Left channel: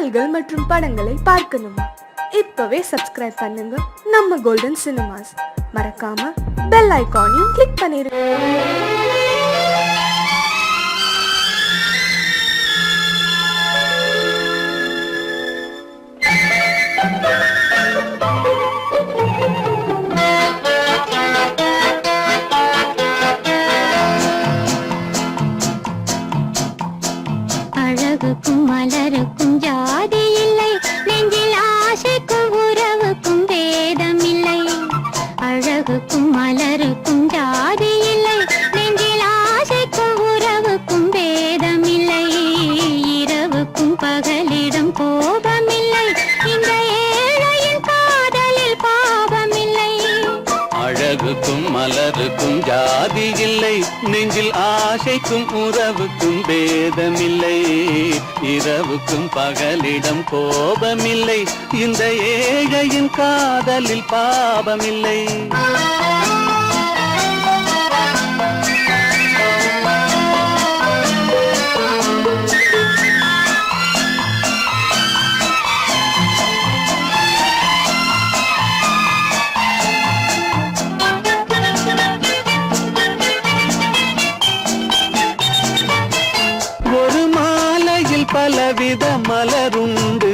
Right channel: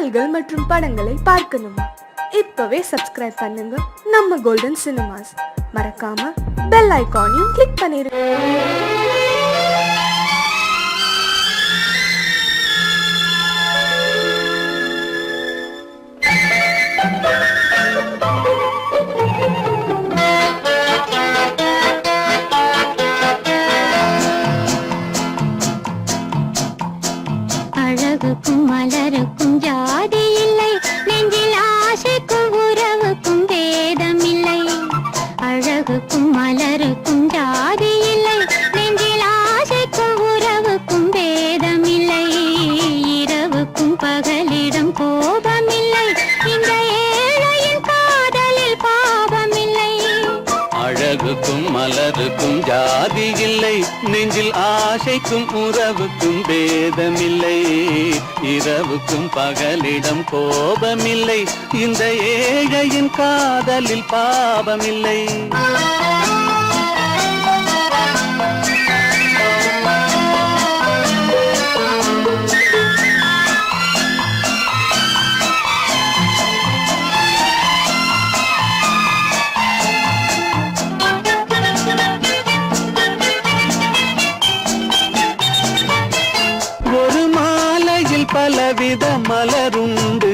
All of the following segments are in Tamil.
பாடல்கள் மற்றும் படங்களை பார்க்கணுமா? இப்பவே சப்ஸ்கிரைப் பண்ணுங்க நம்ம கோல்டன் சினிமாஸ். மறக்காம பெல் ஐகானையும் கிளிக் பண்ணிருங்க. மலருக்கும் ஜாதி இல்லை, நெஞ்சில் ஆசைக்கும் உறவுக்கும் பேதமில்லை. இரவுக்கும் பகலிடம் கோபமில்லை, இந்த ஏழையின் காதலில் பாவமில்லை. பலவித மலருண்டு,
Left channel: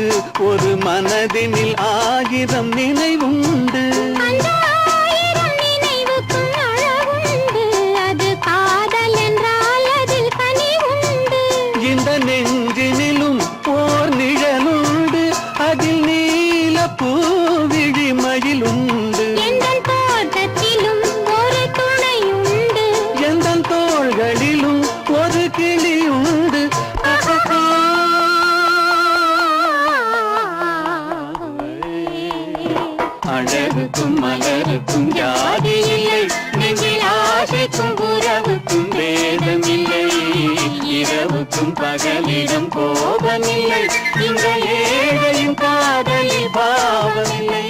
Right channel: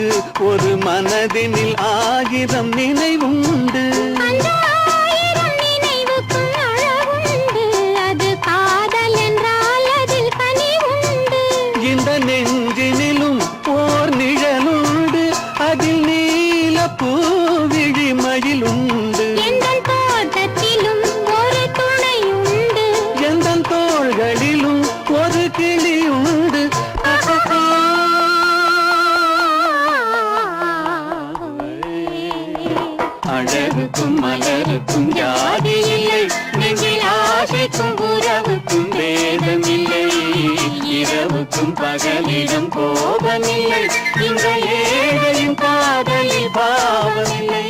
ஒரு மனதினில் ஆயிரம் நினைவுண்டு. இந்த நெஞ்சினிலும் ஓர் நிழலுண்டு, அதில் நீல பூவிழி மயிலுண்டு. எந்த தோள்களிலும் ஒரு கிளியுண்டு. அழகுக்கும் மலருக்கும் ஜாதி இல்லை, நெஞ்சில் ஆசைக்கும் உறவுக்கும் வேதமில்லை. இரவுக்கும் பகலிடம் கோபமில்லை, இந்த ஏழையின் காதலில் பாவமில்லை.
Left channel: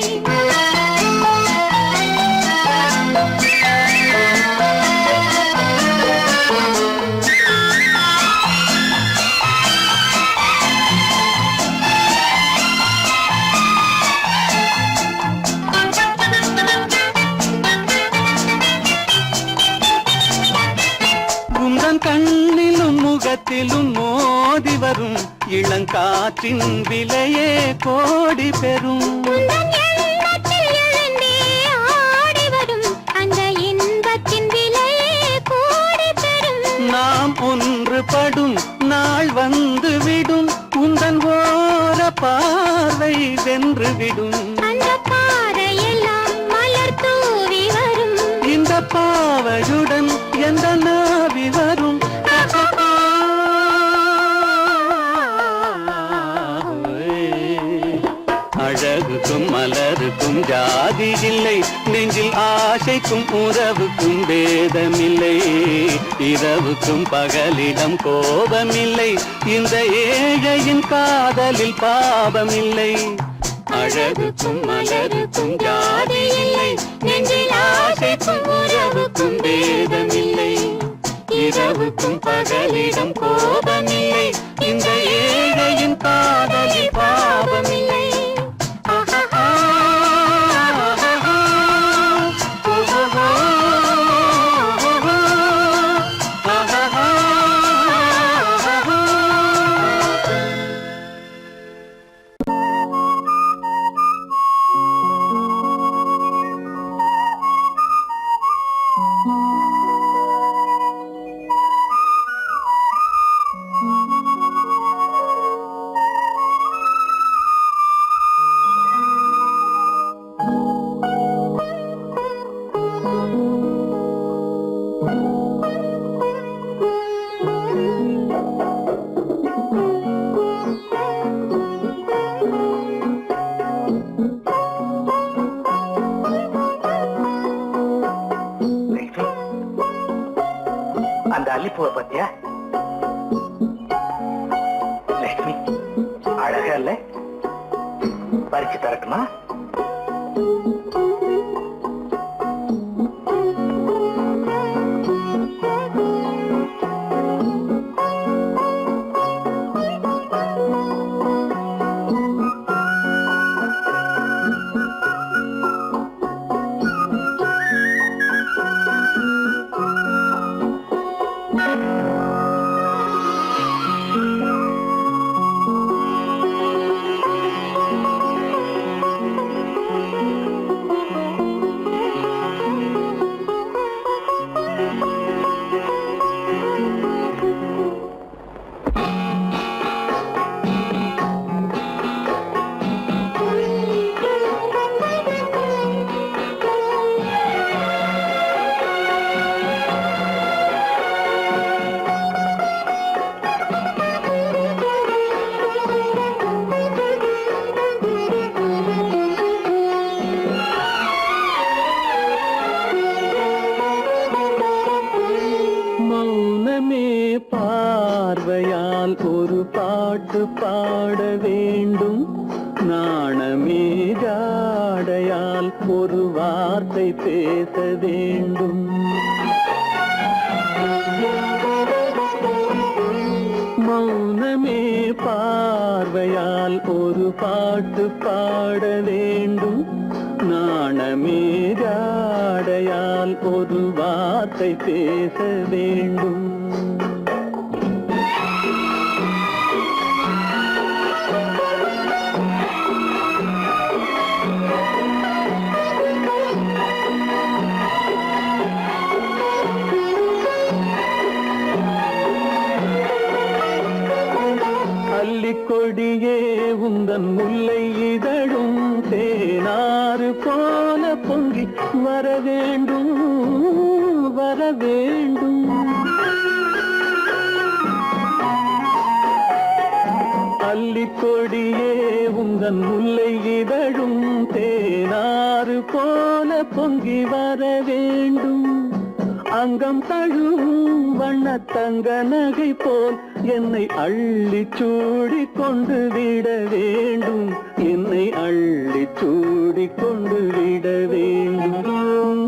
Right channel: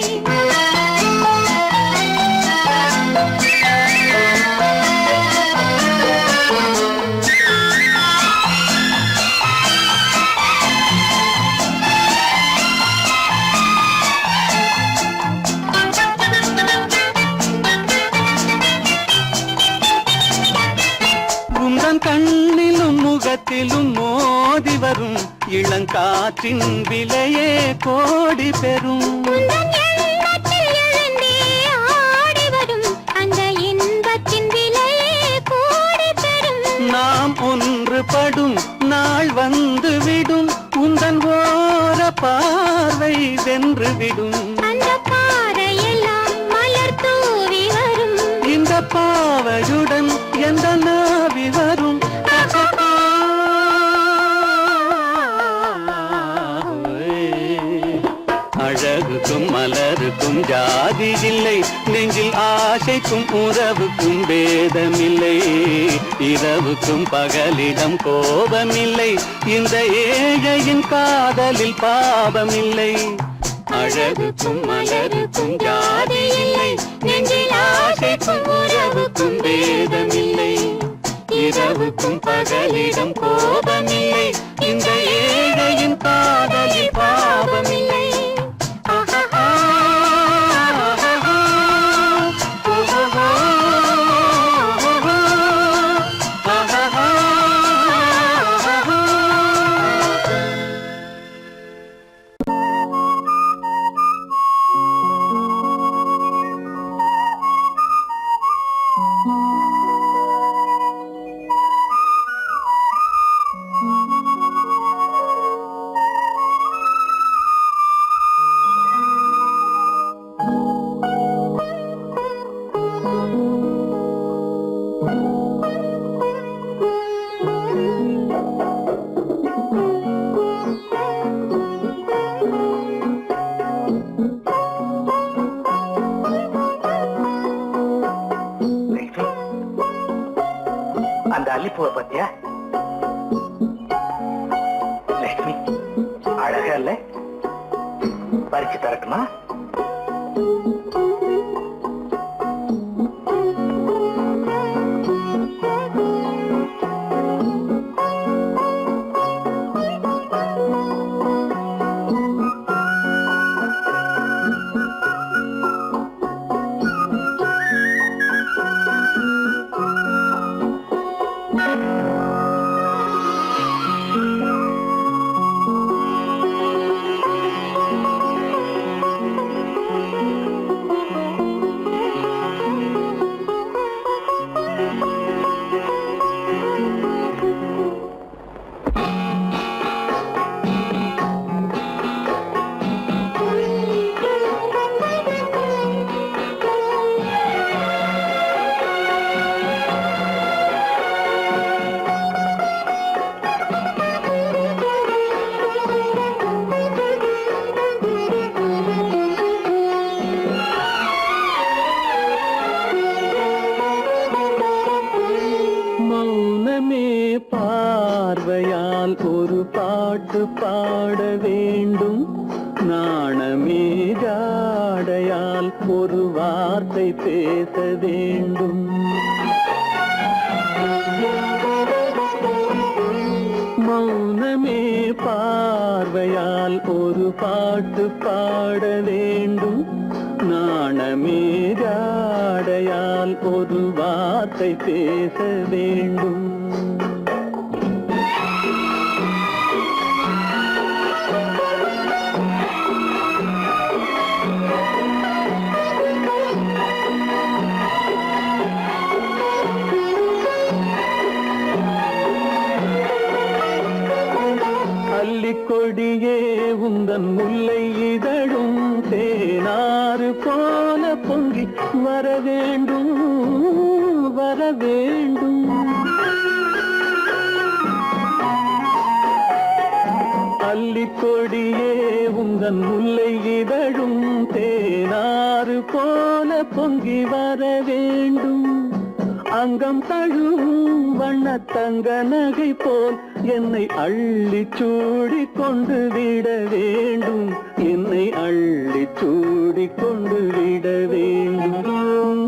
கண்ணிலும் முகத்திலும் மோதி வரும் இளங்காற்றின் விலையே கோடி பெறும். நாம் ஒன்றுபடும் நாள் வந்துவிடும், உந்தன் ஓர பார்வை வென்றுவிடும். இந்த பாவையுடன் எந்த நாவி வரும். அழகுக்கும் மலருக்கும் ஜாதி இல்லை, நெஞ்சில் ஆசைக்கும் உறவுக்கும் வேதமில்லை. இரவுக்கும் பகலிடம் கோபமில்லை, இந்த ஏழையின் காதலில் பாவமில்லை. அழகுக்கும் மலருக்கும் ஜாதி இல்லை, நெஞ்சில் ஆசைக்கும் உறவுக்கும் வேதமில்லை. இரவுக்கும் பகலிடம் கோபமில்லை, இந்த ஏழையின் காதலில் பாவமில்லை. அந்த அல்லிப்பூவை பத்தியா லட்சுமி? அழகா இல்ல? பறிச்சு தரட்டுமா? வேண்டும். நாணமே ஜாடையால் ஒரு வார்த்தை பேச வேண்டும். மௌனமே பார்வையால் ஒரு பாட்டு பாட வேண்டும். நாணமே ஜாடையால் ஒரு வார்த்தை பேச வேண்டும். கொடியே உந்தன் முல்லை இதழும் தேனாறு போல பொங்கி வர வேண்டும், வர வேண்டும். அல்லிக்கொடியே உந்தன் முல்லை இதழும் தேனாறு போல பொங்கி வர வேண்டும். அங்கம் தழுவும் வண்ணத்தங்க நகை போல் என்னை அள்ளி சூடி கொண்டு விட வேண்டும். என்னை அள்ளி சூடி கொண்டு விட வேண்டும்.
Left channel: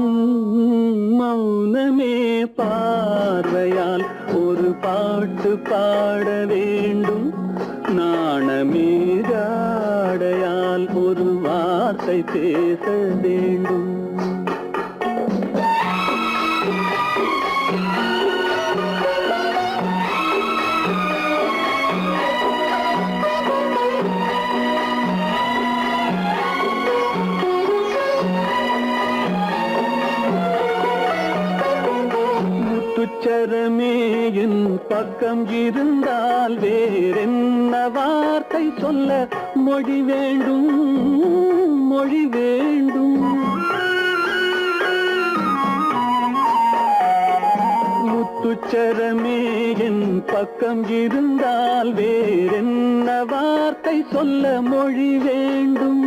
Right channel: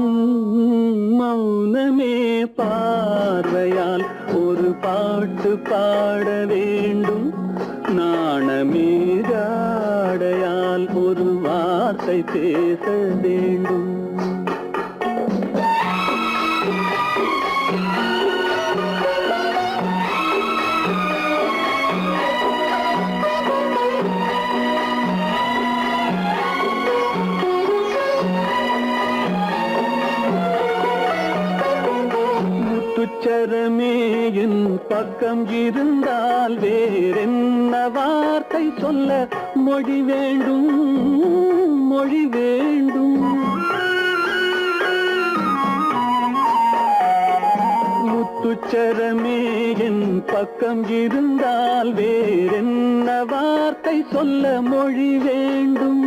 மௌனமே பார்வையால் ஒரு பாட்டு பாட வேண்டும். நாணமே ஜாடையால் ஒரு வார்த்தை பேச வேண்டும். முத்துச்சரமே என் பக்கம் இருந்தால் வேறென்ன வார்த்தை சொல்ல மொழி வேண்டும், மொழி வேண்டும். முத்துச்சரமே என் பக்கம் இருந்தால் வேறென்ன வார்த்தை சொல்ல மொழி வேண்டும்.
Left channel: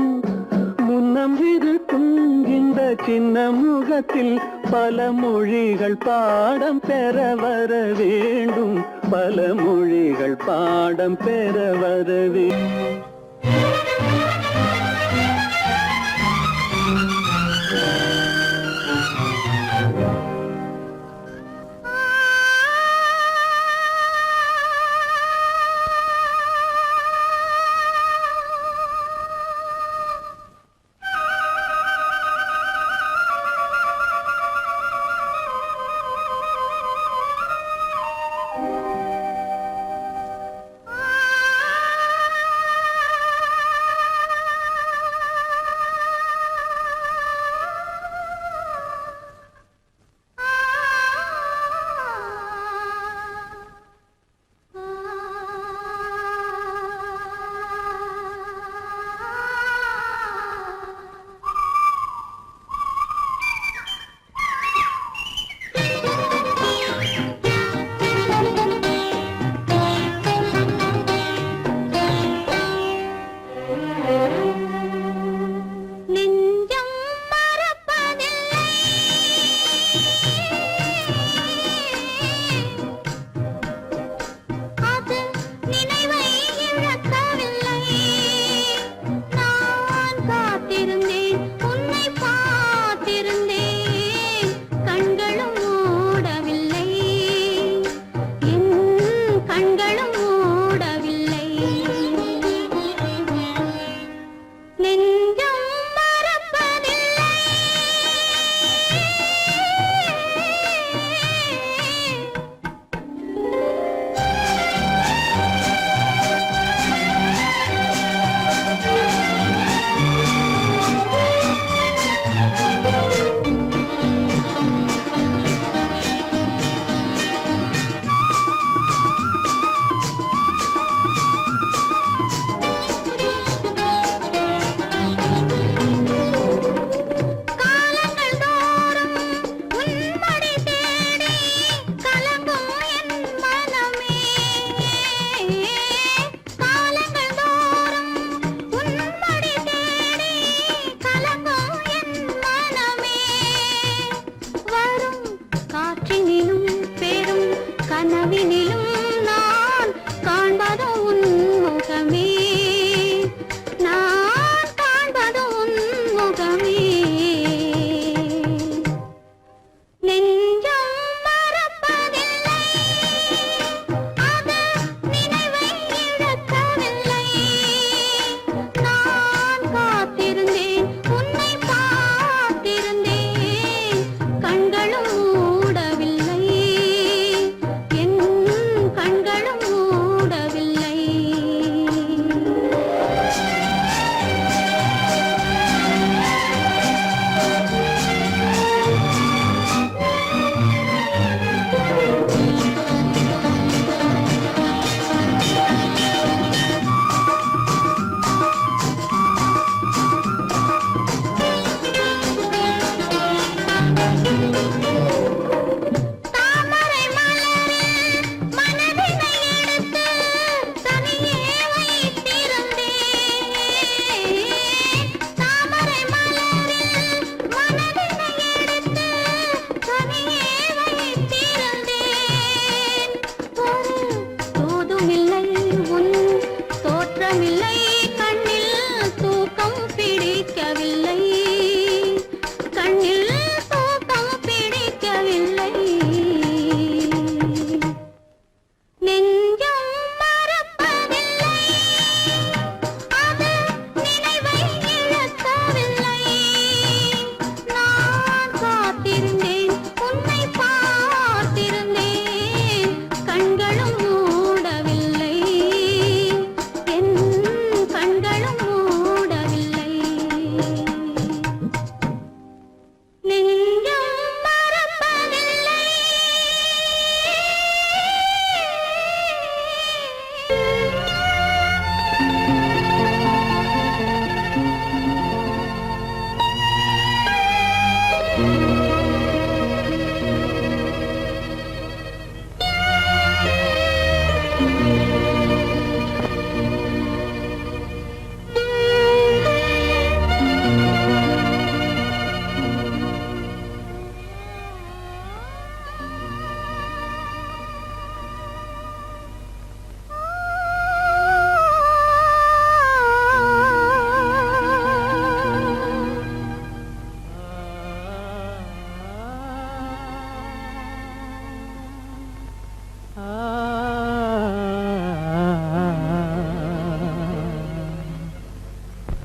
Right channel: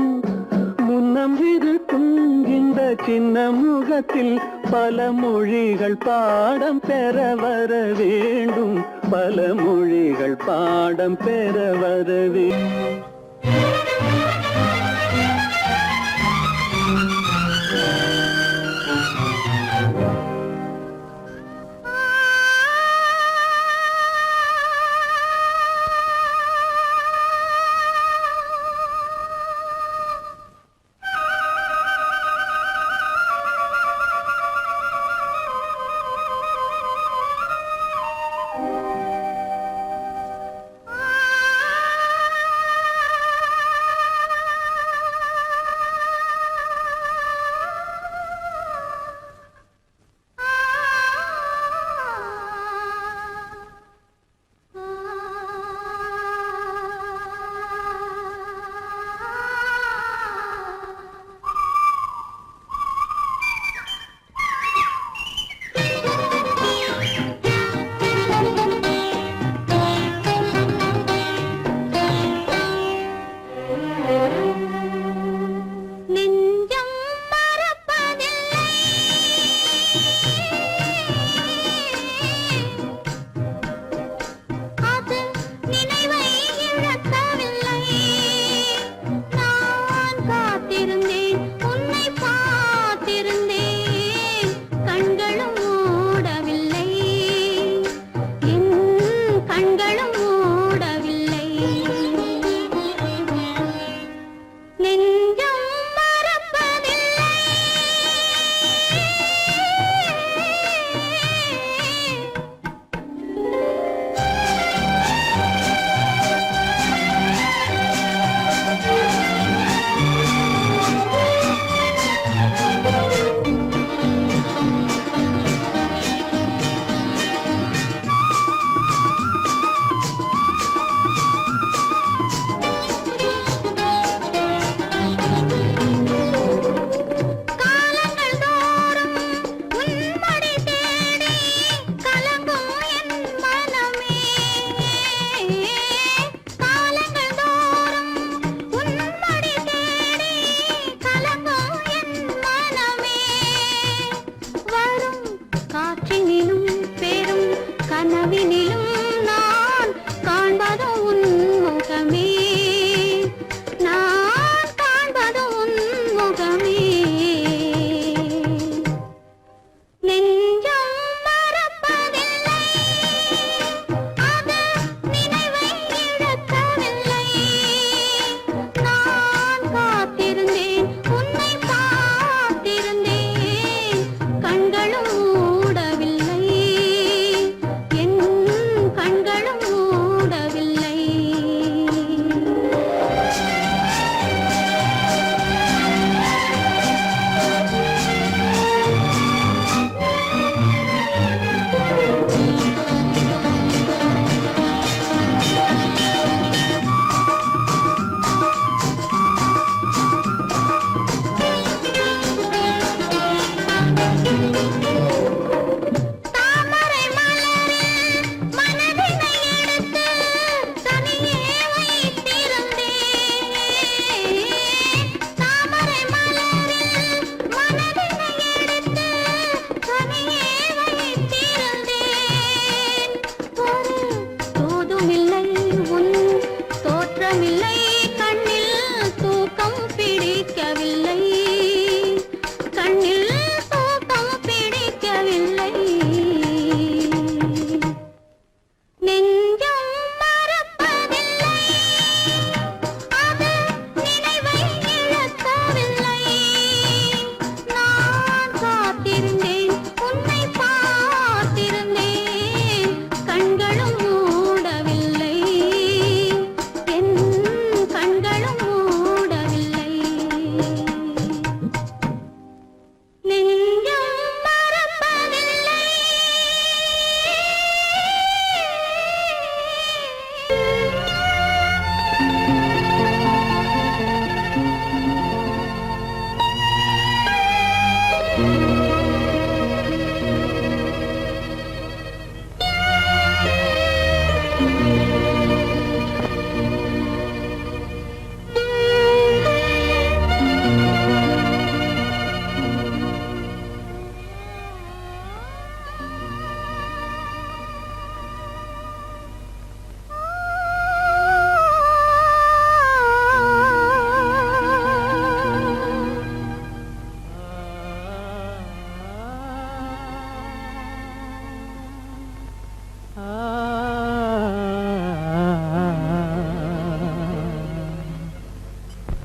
முன்னம் இருக்கும் இந்த சின்ன முகத்தில் பல மொழிகள் பாடம் பெற வர வேண்டும். பல மொழிகள் பாடம் பெற வர வேண்டும்.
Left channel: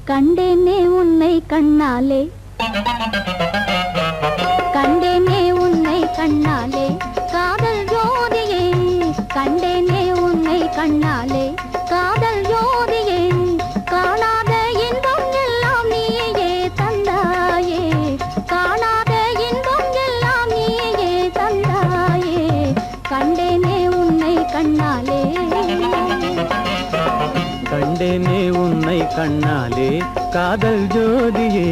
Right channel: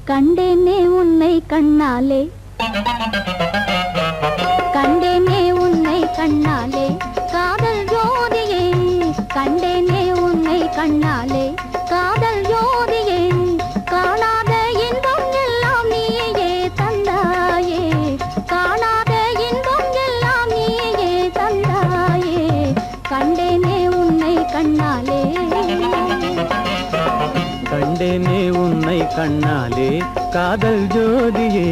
கண்டேனே உன்னை கண்ணாலே, கண்டேனே உன்னை கண்ணாலே, காதல் ஜோதியே. கண்டேனே உன்னை கண்ணாலே, காதல் ஜோதியே. காணாத இன்பம் எல்லாம் நீயே தந்தாயே, காணாத இன்பம் எல்லாம் நீயே தந்தாயே. கண்டேனே உன்னை கண்ணாலே, கண்டேனே உன்னை கண்ணாலே காதல் ஜோதியே.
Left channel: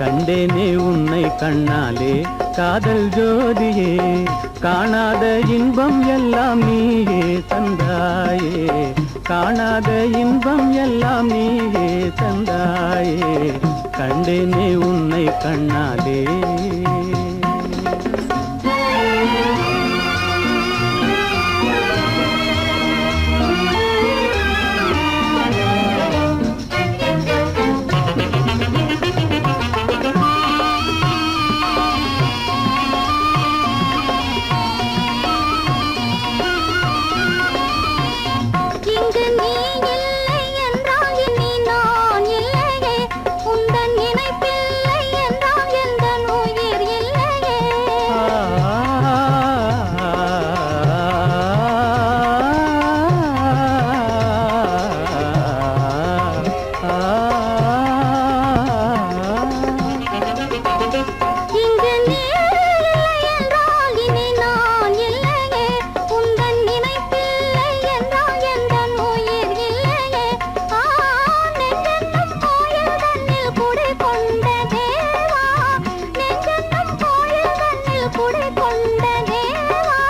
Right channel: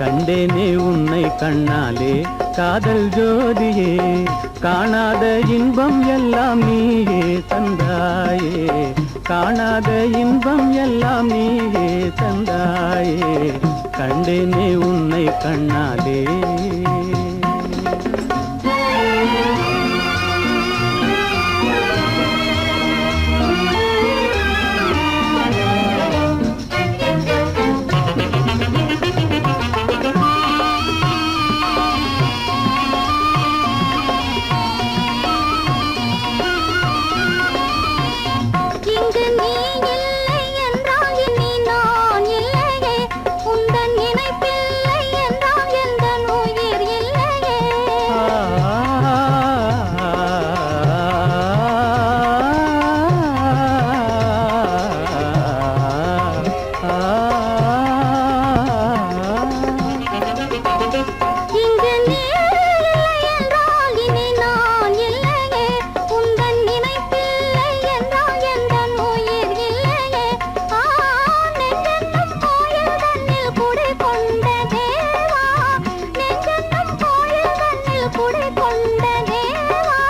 கண்டேனே உன்னை கண்ணாலே காதல் ஜோதியே. காணாத இன்பம் எல்லாம் நீயே தந்தாயே, காணாத இன்பம் எல்லாம் நீயே தந்தாயே. கண்டேனே உன்னை கண்ணாலே. இங்கு நீ இல்லை என்றால் இனி நான் இல்லையே, உந்தன் நினைப்பில்லை என்றால் எந்தன் உயிர் இல்லையே. இங்கு நீ இல்லை என்றால் இனி நான் இல்லையே, உந்தன் நினைப்பில்லை என்றால் எந்தன் உயிர் இல்லையே. நெஞ்சென்னும் கோயில் தன்னில் குடிகொண்ட தேவா, நெஞ்சென்னும் கோயில் தன்னில் குடிகொண்ட தேவா.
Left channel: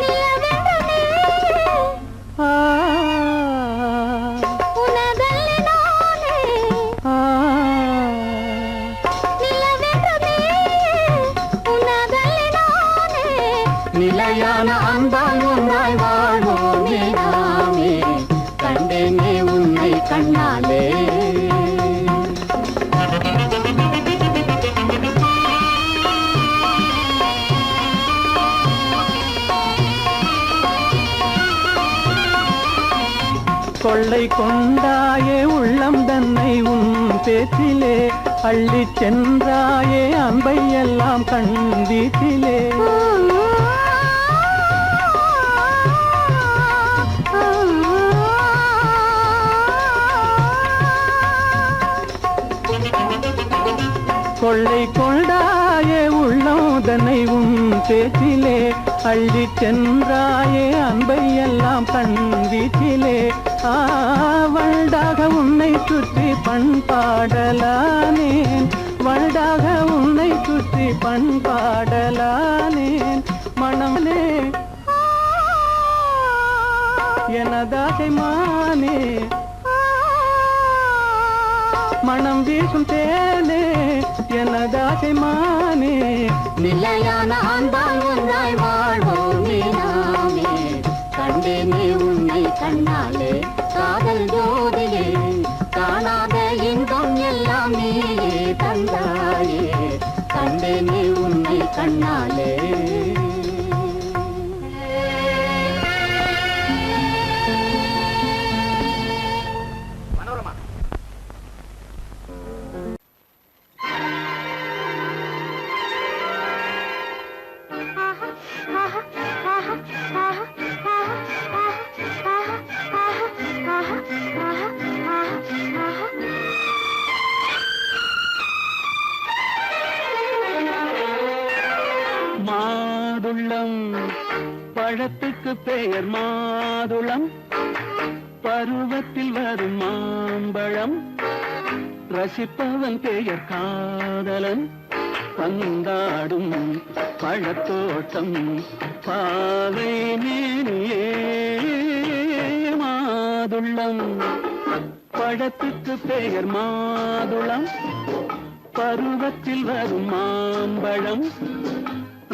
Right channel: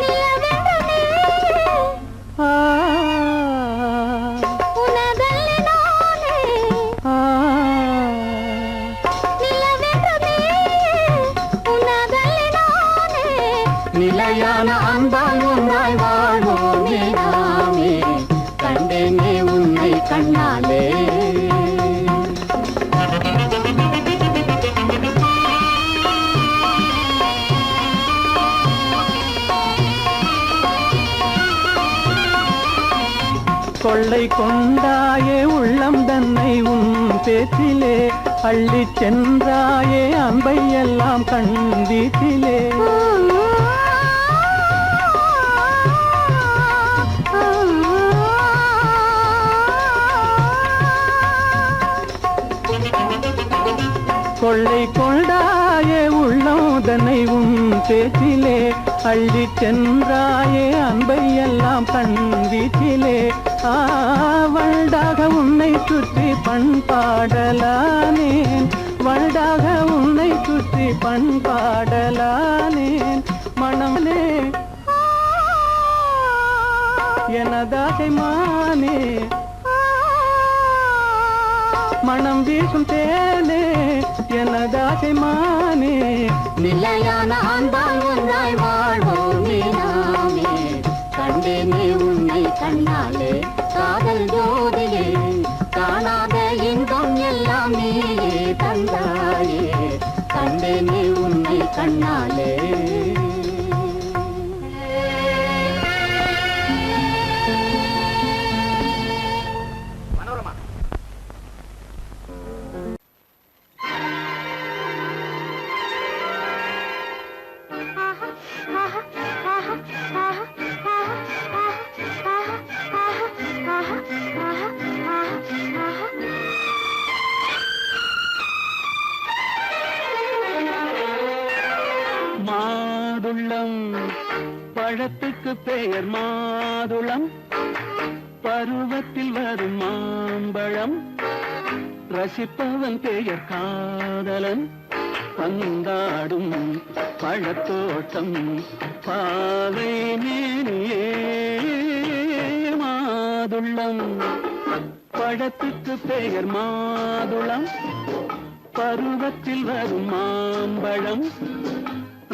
நிலவென்று நீயே, உனதல்லி நானே. நிலவென்று நீயே, உனதல்லி நானே. நிலையான அன்பால் ஒன்றாய் வாழ்வோமே நாமே. கண்டேனே உன்னை கண்ணாலே. கொள்ளை கொண்டாயே உள்ளம் தன்னை உன் பேச்சிலே, அள்ளிச் சென்றாயே அன்பை எல்லாம் கண் வீட்டிலே. கொள்ளை கொண்டாயே உள்ளம் தன்னை உன் பேச்சிலே, அள்ளிச் சென்றாயே அன்பை எல்லாம் கண் வீச்சிலே. வண்டாக உன்னை சுற்றி பண்பாடலானேன், வண்டாக உன்னை சுற்றி பண்பாடலானேன். மனமே எனதாசை மானே, மனம் வீசும் தேனே எனதாசை மானே. நிலையான அன்பால் ஒன்றாய் வாழ்வோமே நாமே. கண்டேனே உன்னை கண்ணாலே காதல் ஜோதியே. காணாத இன்பம் எல்லாம் நீயே தந்தாயே. கண்டேனே உன்னை கண்ணாலே. மாதுளம் பழத்துக்கு பெயர் மாதுளம், பருவத்தில் வரும் மாம்பழம். ரசிப்பவன் பெயர் காதலன், பந்தாடும் பழத்தோட்டம் பாவை மேனியே. மாதுளம் பழத்துக்கு பெயர் மாதுளம், பருவத்தில் வரும் மாம்பழம்.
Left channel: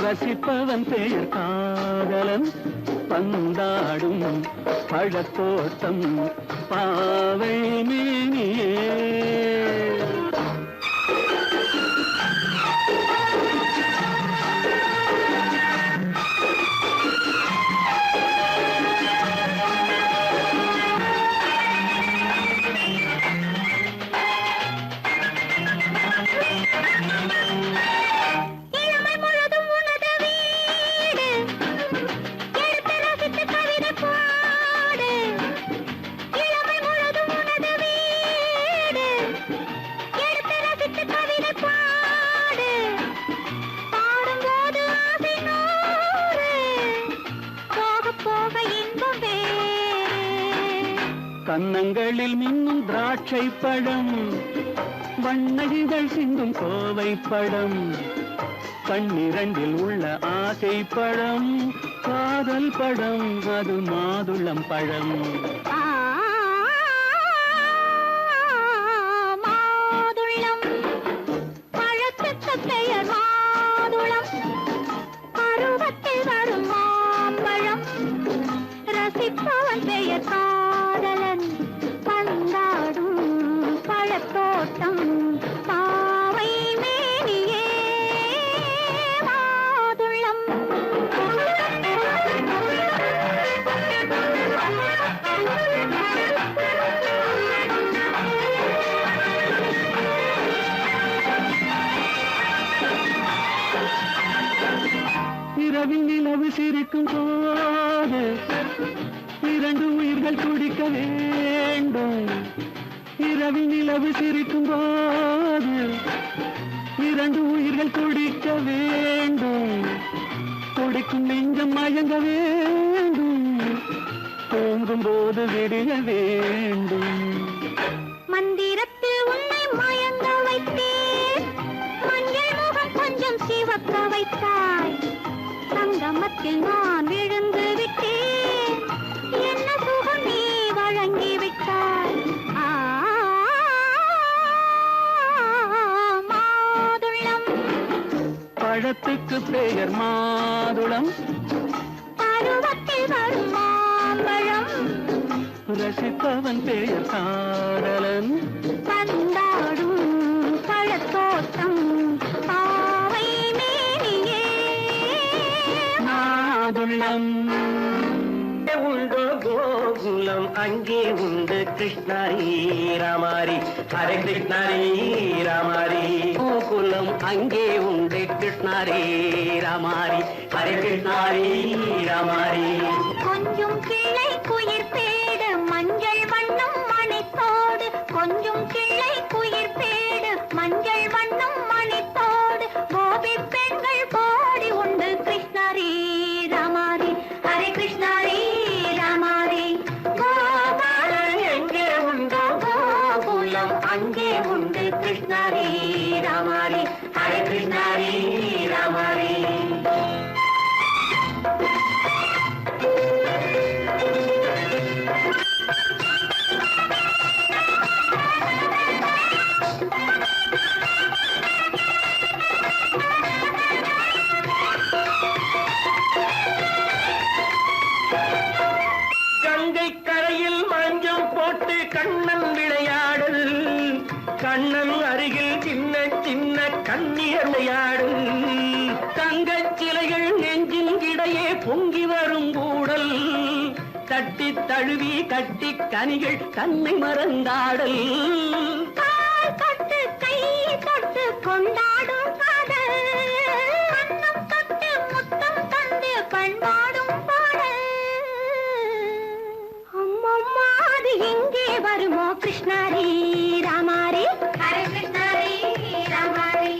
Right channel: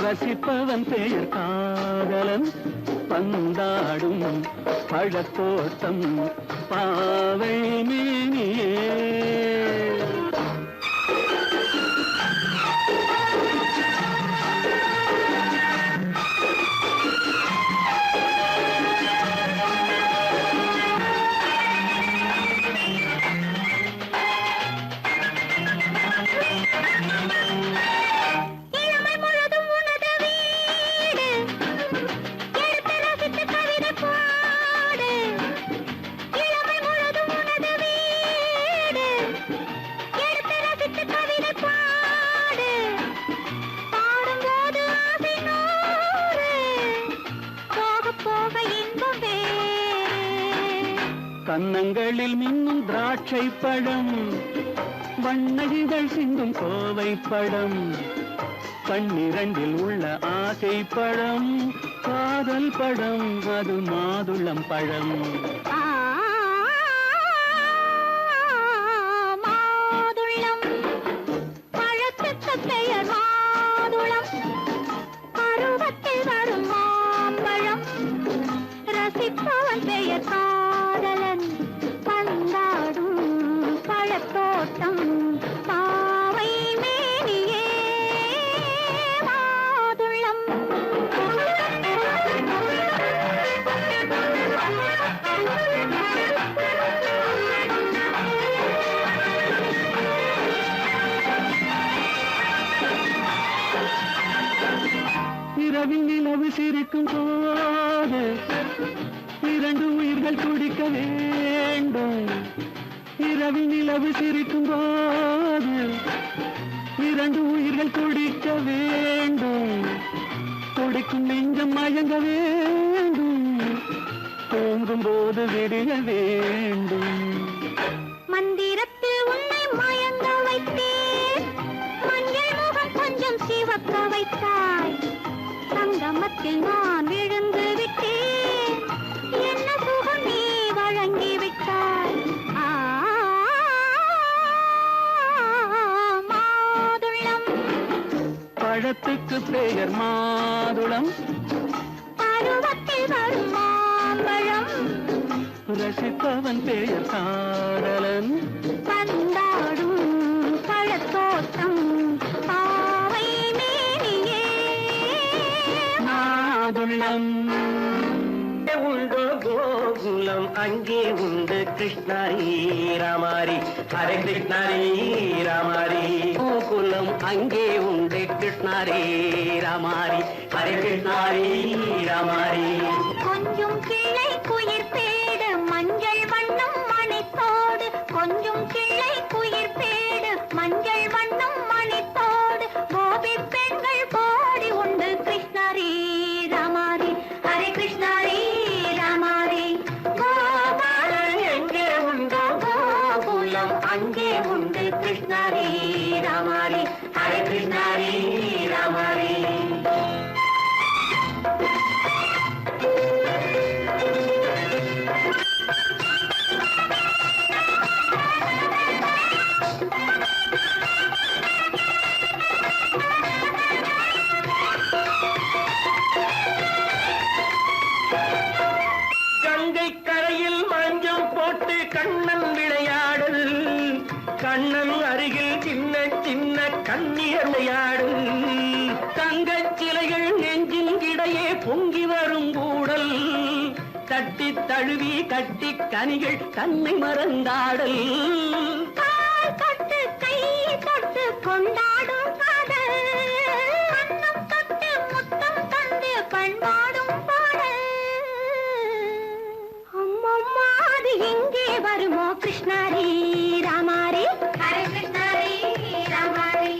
ரசிப்பவன் பெயர் காதலன், பந்தாடும் பழத்தோட்டம் பாவை மேனியே. கன்னங்களில் மின்னும் திராட்சை பழம், வண்ண இதழ் சிந்தும் கோவை பழம், கண்ணிரண்டில் உள்ள ஆசை பழம், காதல் பழம், அது மாதுளம் பழம். மாதுளம் பழத்துக்கு பெயர் மாதுளம், பருவத்தில் வரும் மாம்பழம், ரசிப்பவன் பெயர் காதலன், பந்தாடும் பழத்தோட்டம், பாவை மேனியே மாதுளம். இரவில் நிலவு சிரிக்கும் போது இரண்டு உயிர்கள் குடிக்க வேண்டும். இரவில் நிலவு சிரிக்கும் போது இரண்டு உயிர்கள் குடிக்க வேண்டும். துடிக்கும் நெஞ்சம் மயங்க வேண்டும், தூங்கும் போது விடிய வேண்டும். மந்திரத்தில் உன்னை மயங்க வைத்தேன், மஞ்சள் முகம் கொஞ்சம் சிவக்க வைத்தாய், சங்கமத்தில் நான் விழுந்து விட்டேன், என்ன சுகம் நீ வழங்கி விட்டாய். மாதுளம் பழத்துக்கு பெயர் மாதுளம், பருவத்தில் வரும் மாம்பழம், ரசிப்பவன் பெயர் காதலன், பந்தாடும் பழத்தோட்டம், பாவை மேனியே மாதுளம். உண்டோ கோகுலம் அங்கே உண்டு கிருஷ்ணாரி ராமாரி, ஹரே கிருஷ்ணாரி ராமாரி. கோகுலம் அங்கே உண்டு கிருஷ்ணாரி ராமாரி, ஹரே கிருஷ்ணாரி ராமாரி. கொஞ்சம் கிளை குயிர் பேடு மஞ்சள் வண்ணம் மணித்தோடு, கொஞ்சம் கிளை குயிர் பேடு மஞ்சள் வண்ணம் மணித்தோடு, கோபி பெண்கள் கோடி உண்டு கிருஷ்ணாரி ராமாரி, ஹரே கிருஷ்ணாரி ராமாரி. கோபாலன் எங்கே உண்டோ கோகுலம் அங்கே உண்டு கிருஷ்ணாரி ராமாரி, ஹரே கிருஷ்ணாரி ராமாரி. கங்கை கரையில் மஞ்சள் போட்டு கண்ணன் விளையாடல், கண்ணன் அருகில் சின்ன சின்ன கண்ணீர் விளையாடல், தங்கச் சிலைகள் நெஞ்சின் இடையே பொங்கி வரும் கூடல், தட்டி தழுவி கட்டி கனிகள் தன்னை மறந்தாடல். கால் தொட்டு கை தொட்டு கொண்டாடும் காதல், கண்ணம் தொட்டு முத்தம் தந்து பண்பாடும் பாடல். அம்மம்மா அது எங்கே வருமோ கிருஷ்ணாரி ராமாரி, ஹரே கிருஷ்ணாரி ராமாரி.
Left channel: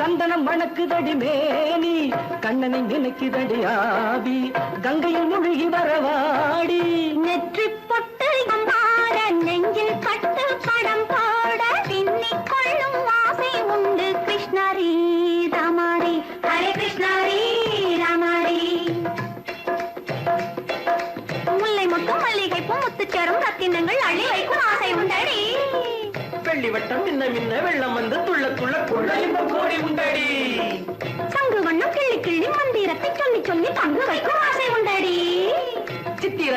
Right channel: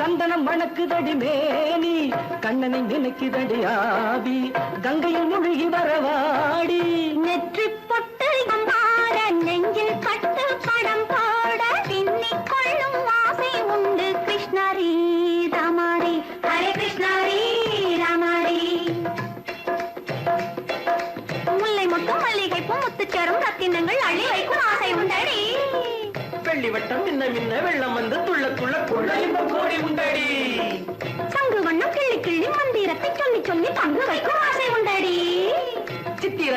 சந்தனம் மணக்குதடி மேனி, கண்ணனை நினைக்குதடி ஆவி, கங்கையில் முழுகி வரவாடி. நெற்றி பொட்டு மாற நெஞ்சில் கட்டு படம் போட, பின்னிக் கொள்ளும் ஆசை உண்டு கிருஷ்ணாரி ராமாரி, ஹரே கிருஷ்ணாரி ராமாரி. முல்லை மொட்டும் மல்லிகை பூ முத்துச்சரம் ரத்தினங்கள் அள்ளி வைக்கும் ஆசை உண்டடி. வெள்ளி வட்டம் மின்ன மின்ன வெள்ளம் வந்து துள்ள துள்ள கொள்ள இன்பம் கோடி உண்டடி. சங்கு வண்ணம் கிள்ளி கிள்ளி மந்திரத்தை சொல்லி சொல்லி தங்கு வைக்கும் ஆசை உண்டடி. சித்திர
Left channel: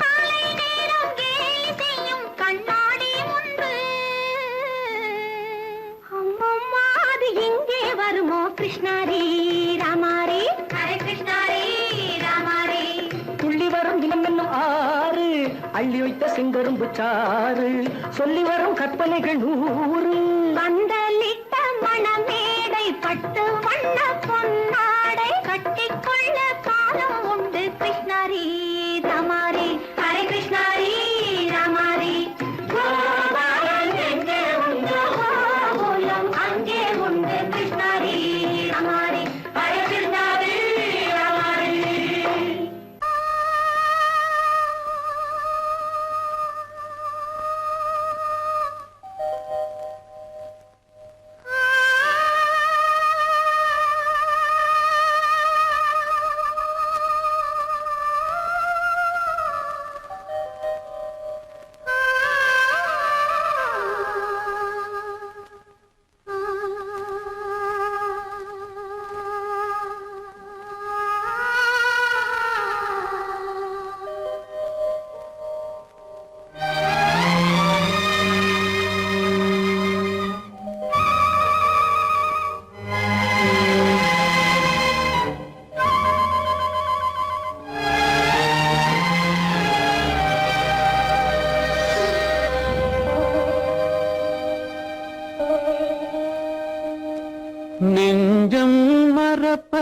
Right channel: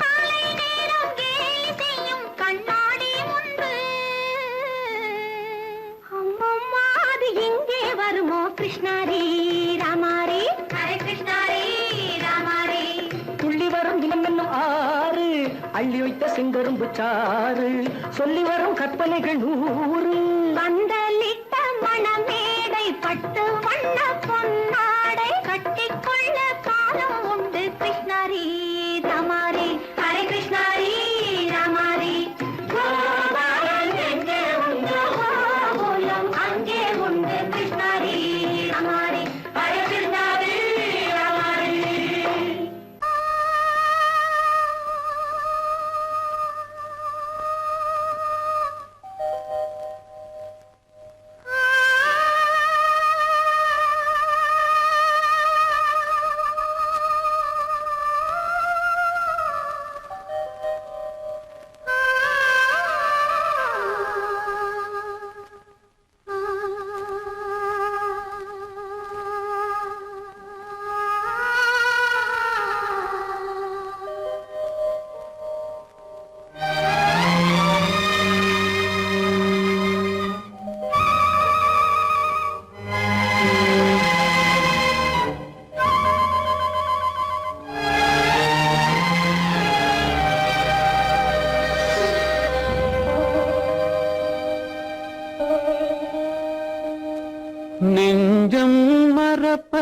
காலை நேரம் கேலி செய்யும் கண்ணாடி முன்பு, அம்மம்மா அது எங்கே வருமோ கிருஷ்ணாரி ராமாரி, ஹரே கிருஷ்ணாரி ராமாரி. துள்ளி வரும் தினம் என்னும் ஆறு, அள்ளி வைத்த செங்கரும்பு சாறு, சொல்லி வரும் கற்பனைகள் 100. பந்தலிட்ட மணமேடை பட்டு வண்ண பொன்னாடை, கட்டிக்கொள்ள காலம் உண்டு கிருஷ்ணாரி ராமாரி, ஹரே கிருஷ்ணாரி ராமாரி. கோபாலன் எங்கே உண்டோ கோகுலம் அங்கே உண்டு கிருஷ்ணாரி ராமாரி, ஹரே கிருஷ்ணாரி ராமாரி.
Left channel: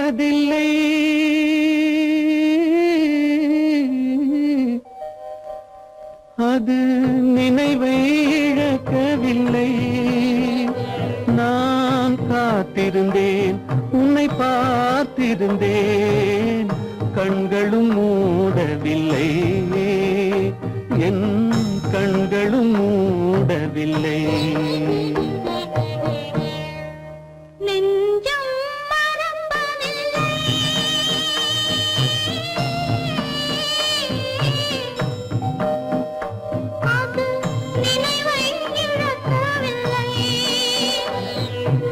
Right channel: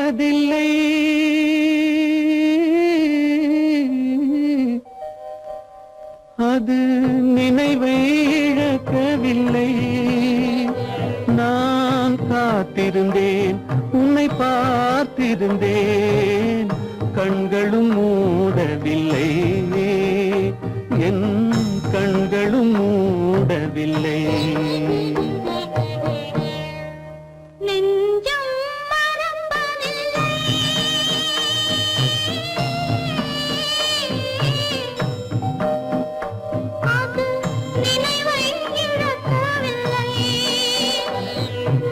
மறப்பதில்லை. அது நினைவை இழக்கவில்லை. நான் காத்திருந்தேன், உன்னை பார்த்திருந்தேன், கண்களும் மூடவில்லை, என் கண்களும் மூடவில்லை. நெஞ்சம் மறப்பதில்லை. அது நினைவை இழக்கவில்லை.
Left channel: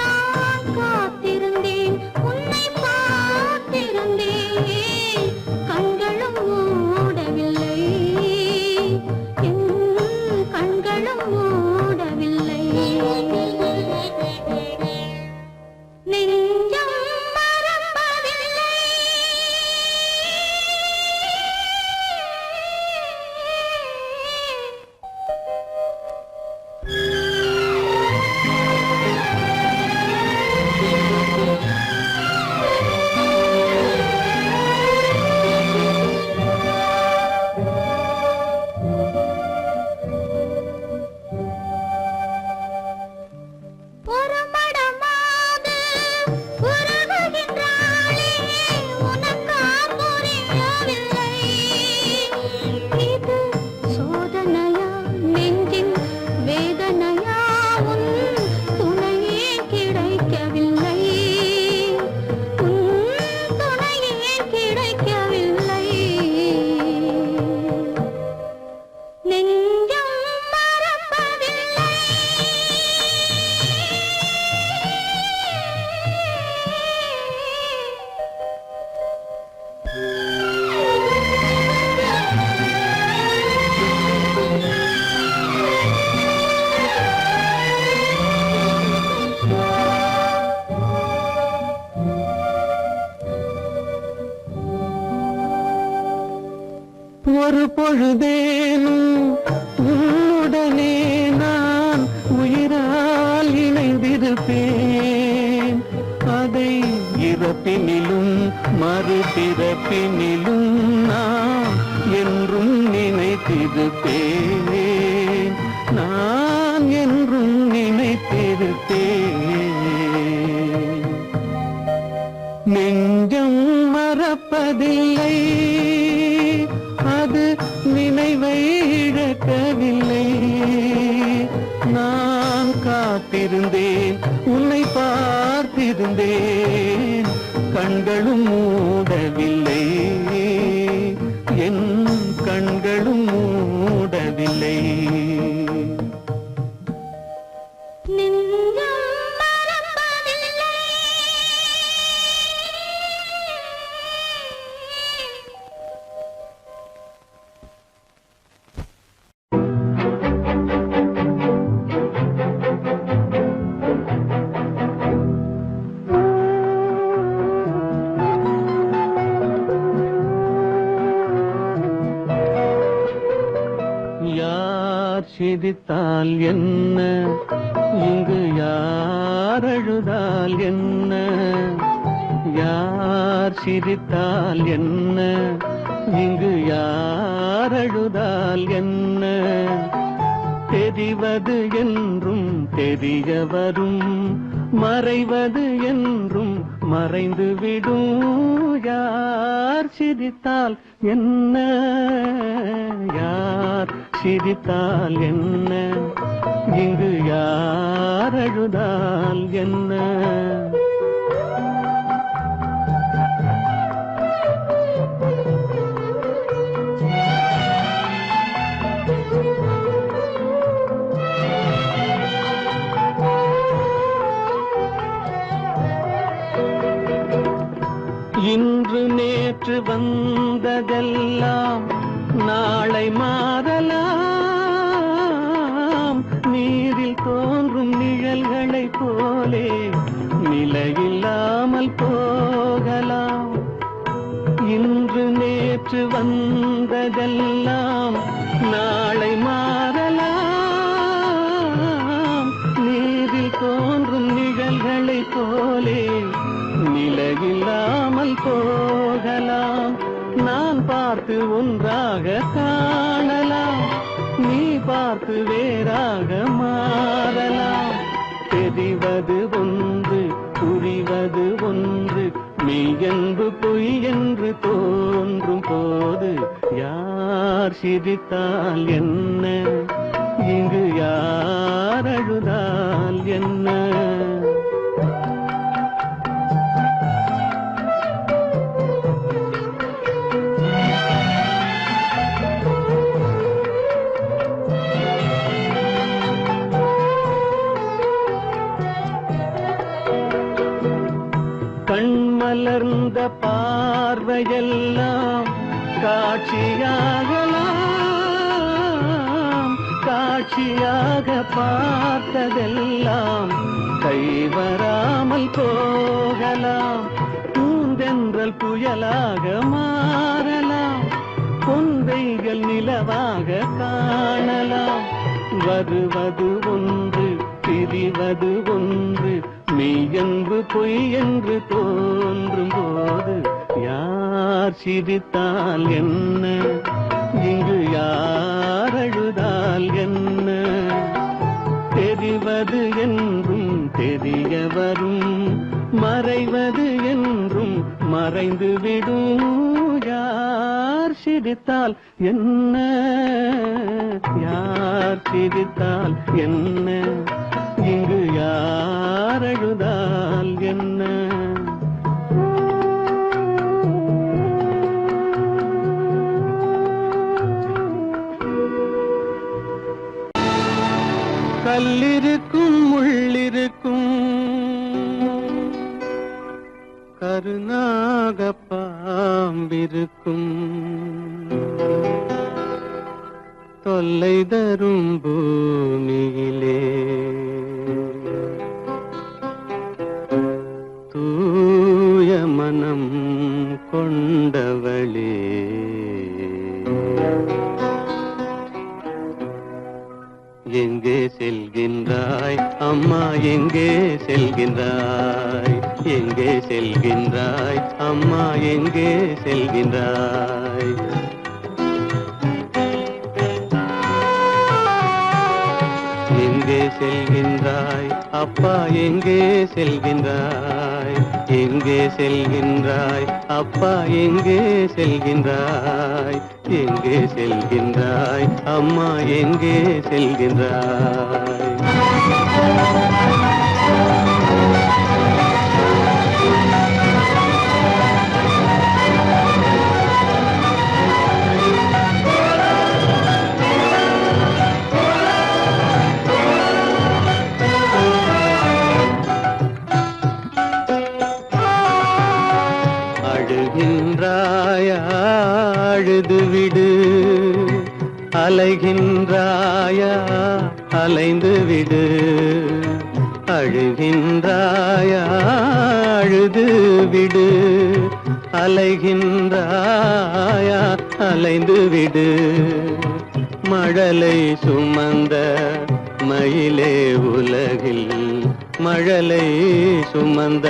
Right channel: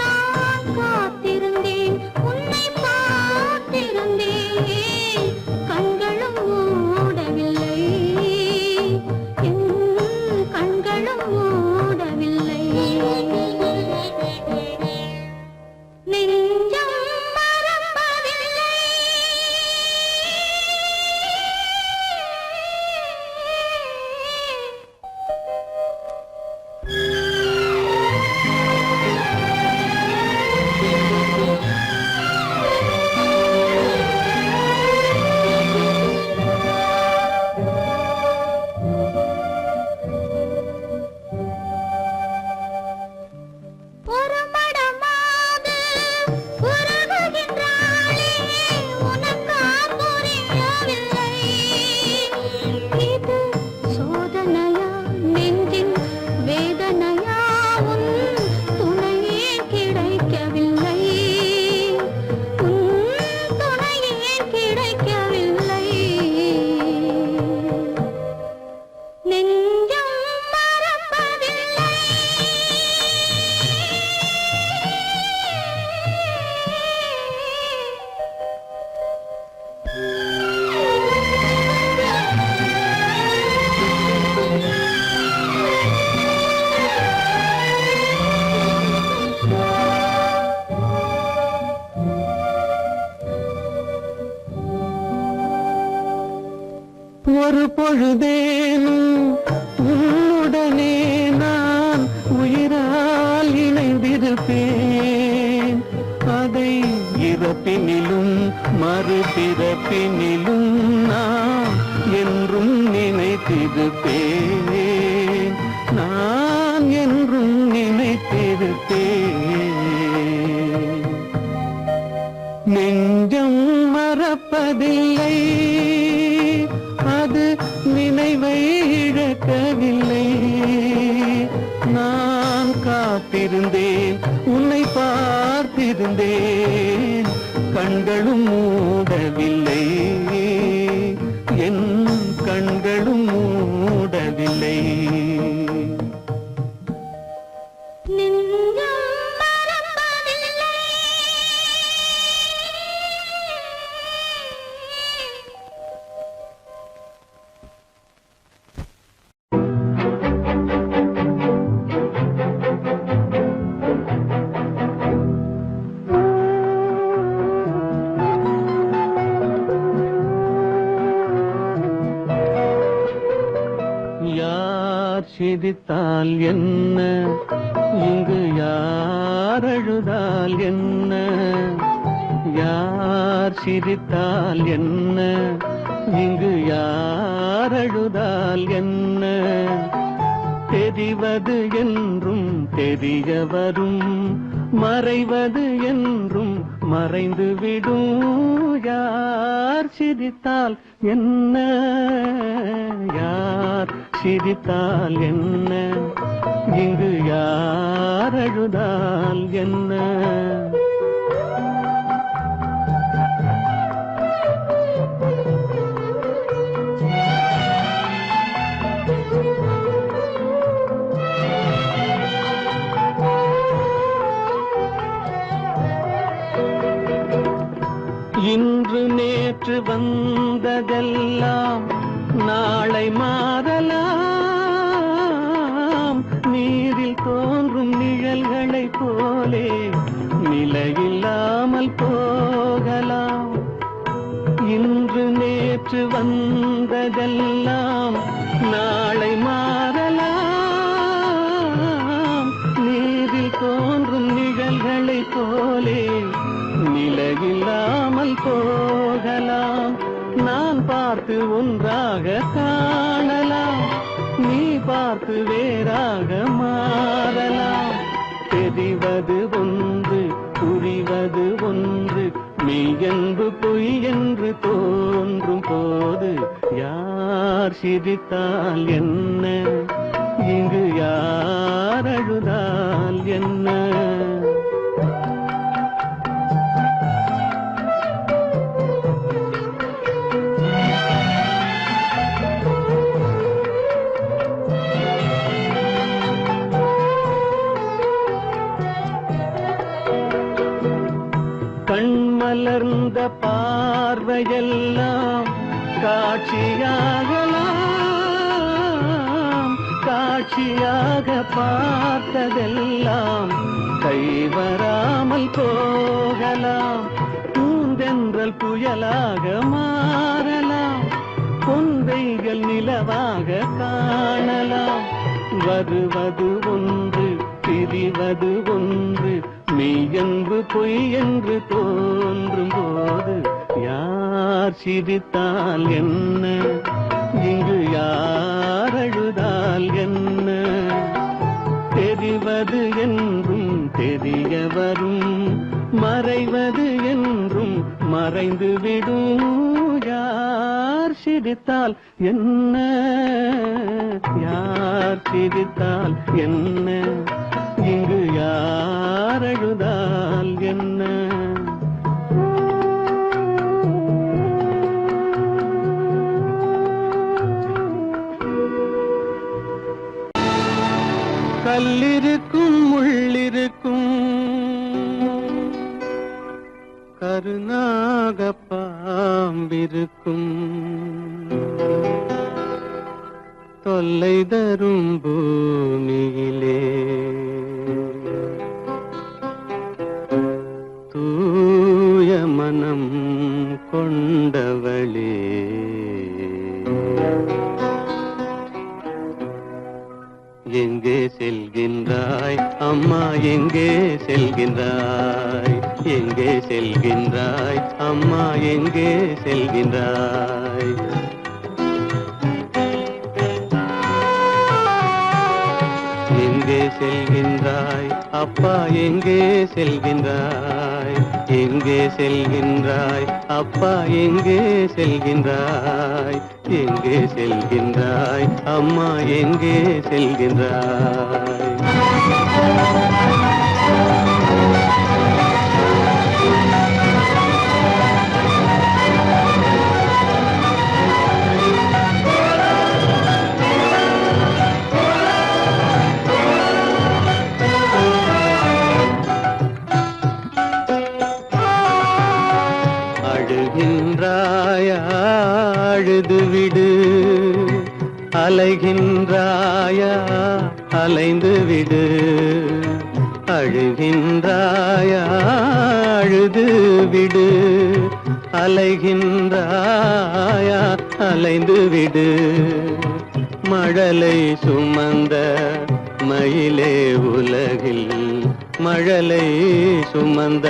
நான் காத்திருந்தேன், உன்னை பார்த்திருந்தேன், கண்களும் மூடவில்லை, என் கண்களும் மூடவில்லை. நெஞ்சம் மறப்பதில்லை. ஒருமடமாக உருகுகின்றாளே, உனக்கான் புரியவில்லை. இது சோதனையா, நெஞ்சின் வேதனையா, உன் துணையே கிடைக்கவில்லை, உன் துணையே கிடைக்கவில்லை. நெஞ்சம் மறப்பதில்லை. ஒரு பொழுதேனும் உன்னுடனே நான் உயிரால் இணைந்திருப்பேன். அதை இருப்பினிலும் மறுபிறப்பினிலும் நான் என்றும் நினைத்திருப்பேன். நான் என்றும் நினைத்திருப்பேன். நெஞ்சம் மறப்பதில்லை, அது நினைவை இழக்கவில்லை. நான் காத்திருந்தேன், உன்னை பார்த்திருந்தேன், கண்களும் மூடவில்லை, என் கண்களும் மூடவில்லை. நெஞ்சம் மறப்பதில்லை. யார் சிரித்தால் என்ன, இங்கு யார் அழுதால் என்ன, யார் சிரித்தால் என்ன, இங்கு யார் அழுதால் என்ன, தெரிவது என்றும் தெரிய வரும், மறைவது என்றும் மறைந்துவிடும். யார் சிரித்தால் என்ன, யார் சிரித்தால் என்ன, இங்கு யார் அழுதால் என்ன. இன்று நேற்று வந்ததெல்லாம் நாளை மாறலாம். நீரில் தோன்றும் நிழல்களைப் போலே நிலையில்லாமல் போகலாம். இன்று நேற்று வந்ததெல்லாம் நாளை மாறலாம். நீரில் தோன்றும் நிழல்களைப் போலே நிலையில்லாமல் பார்த்து ஒன்றாக காணலாம், நீ பார்த்து வேறாக மாறலாம். தெரிவது ஒன்று, புரிவது ஒன்று, மெய் என்பு பொய் என்று தோன்றும் போது யார் சிரித்தால் என்ன, இங்கு யார் அழுதால் என்ன? கண்மலர்ந்த பார்வையெல்லாம் காட்சியாகலாம், காட்சியாக பார்த்ததெல்லாம் கைவராமல் போகலாம். பூந்தென்றல் புயலாக மாறலாம், பொந்தைகள் நிலவாக காணலாம். வருவது ஒன்று, பிரிவது ஒன்று, மெய்யன்பு பொய் என்று தோன்றும் போது யார் சிரித்தால் என்ன, இங்கு யார் அழுதால் என்ன? தெரிவது என்றும் தெரிய வரும், மறைவது என்றும் மறைந்து விடும். யார் சிரித்தால் என்ன, யார் சிரித்தால் என்ன, இங்கு யார் அழுதால் என்ன? கல்லிருக்கும் முள்ளிருக்கும், கருநாக பாம்பிருக்கும், தொல்லை தரும் பூமியிலே தூய மனம் கொண்டவளே. எங்கே செல்கின்றாய் அம்மா, எங்கே செல்கின்றாய், எங்கே செல்கின்றாய் அம்மா, எங்கே செல்கின்றாய்? எங்கே செல்கின்றாய் அப்பா, எங்கே செல்கின்றாய், எங்கே செல்கின்றாய் அப்பா, எங்கே செல்கின்றாய், எங்கே செல்கின்றாய் அம்மா, எங்கே செல்கின்றாய்? அழுகின்றாயா, அழுது விடு, அலைகின்றாயா, அலைந்து விடு. அழுகின்றாயா, அழுது விடு, அலைகின்றாயா, அலைந்து விடு. மழலை சுமந்த மயிலே உலகில், மழலை சுமந்த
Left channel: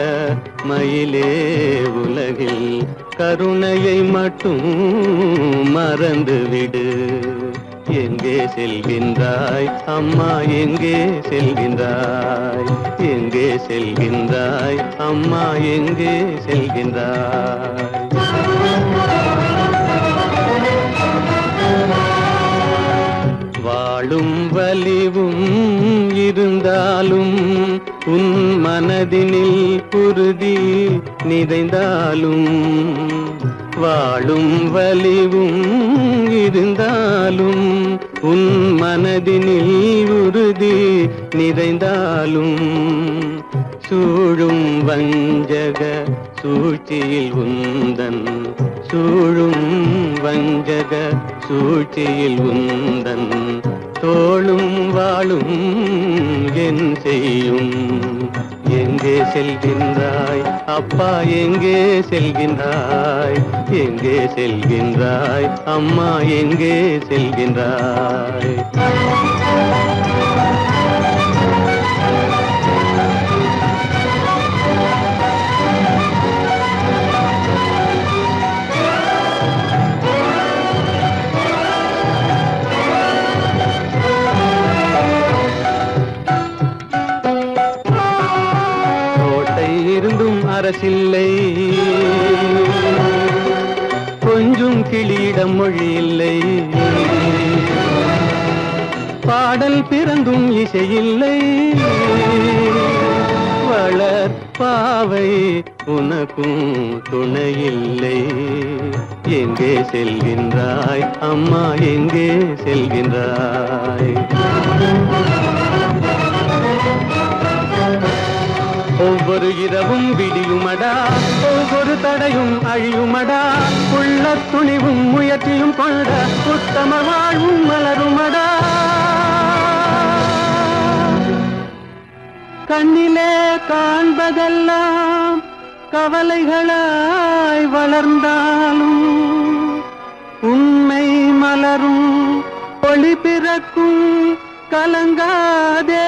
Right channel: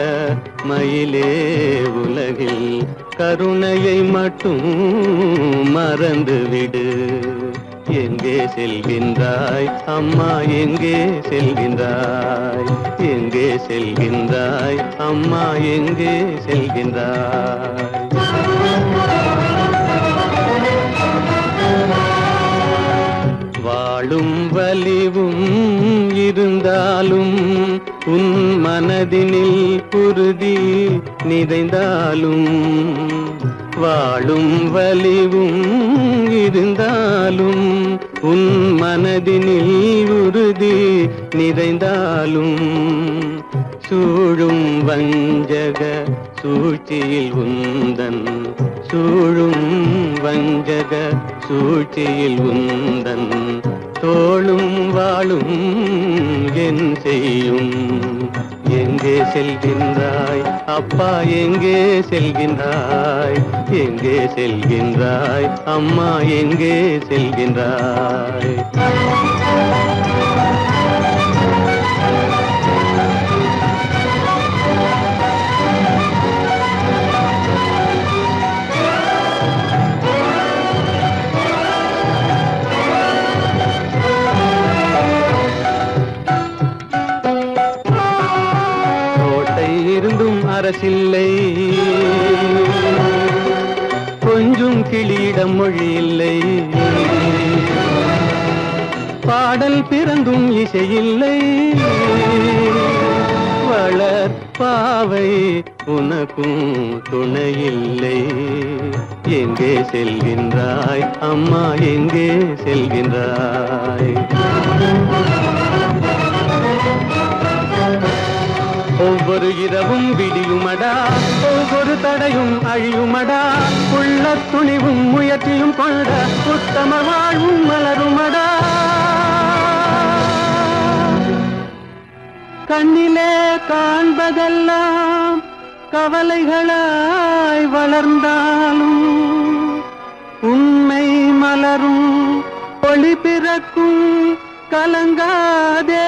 மயிலே உலகில், கருணையை மட்டும் மறந்துவிடு. எங்கே செல்கின்றாய் அம்மா, எங்கே செல்கின்றாய், எங்கே செல்கின்றாய் அம்மா, எங்கே செல்கின்றாய்? வாழும் வலிவும் இருந்தாலும், உன் மனதினில் குருதி நிறைந்தாலும், வாழும் வலிவும் இருந்தாலும், உன் மனதினில் உறுதி நிறைந்தாலும், சூழும் வஞ்சக சூழ்ச்சியில் உந்தன், சூழும் வஞ்சக சூழ்ச்சியில் உந்தன், தோளும் வாழும் என் செய்யும்? எங்கே செல்கின்றாய் அப்பா, எங்கே செல்கின்றாய், எங்கே செல்கின்றாய் அம்மா, எங்கே செல்கின்றாய்? பரசில்லை, கொஞ்சும் கிளியிடம் மொழி இல்லை, பாடல் பிறந்தும் இசையில்லை, வளர் பாவை உனக்கும் துணையில்லை. எங்கே செல்கின்றாய் அம்மா, எங்கே செல்கின்றாய்? ஒவ்வொரு இரவும் விடியுமடா, ஒவ்வொரு தடையும் அழியுமடா, உள்ள துணிவும் முயற்சியும் கொண்ட உத்தம வாழ்வும் மலருமடா. கண்ணிலே காண்பதெல்லாம் கவலைகளாய் வளர்ந்தாலும் உண்மை மலரும், ஒளி பிறக்கும், கலங்காதே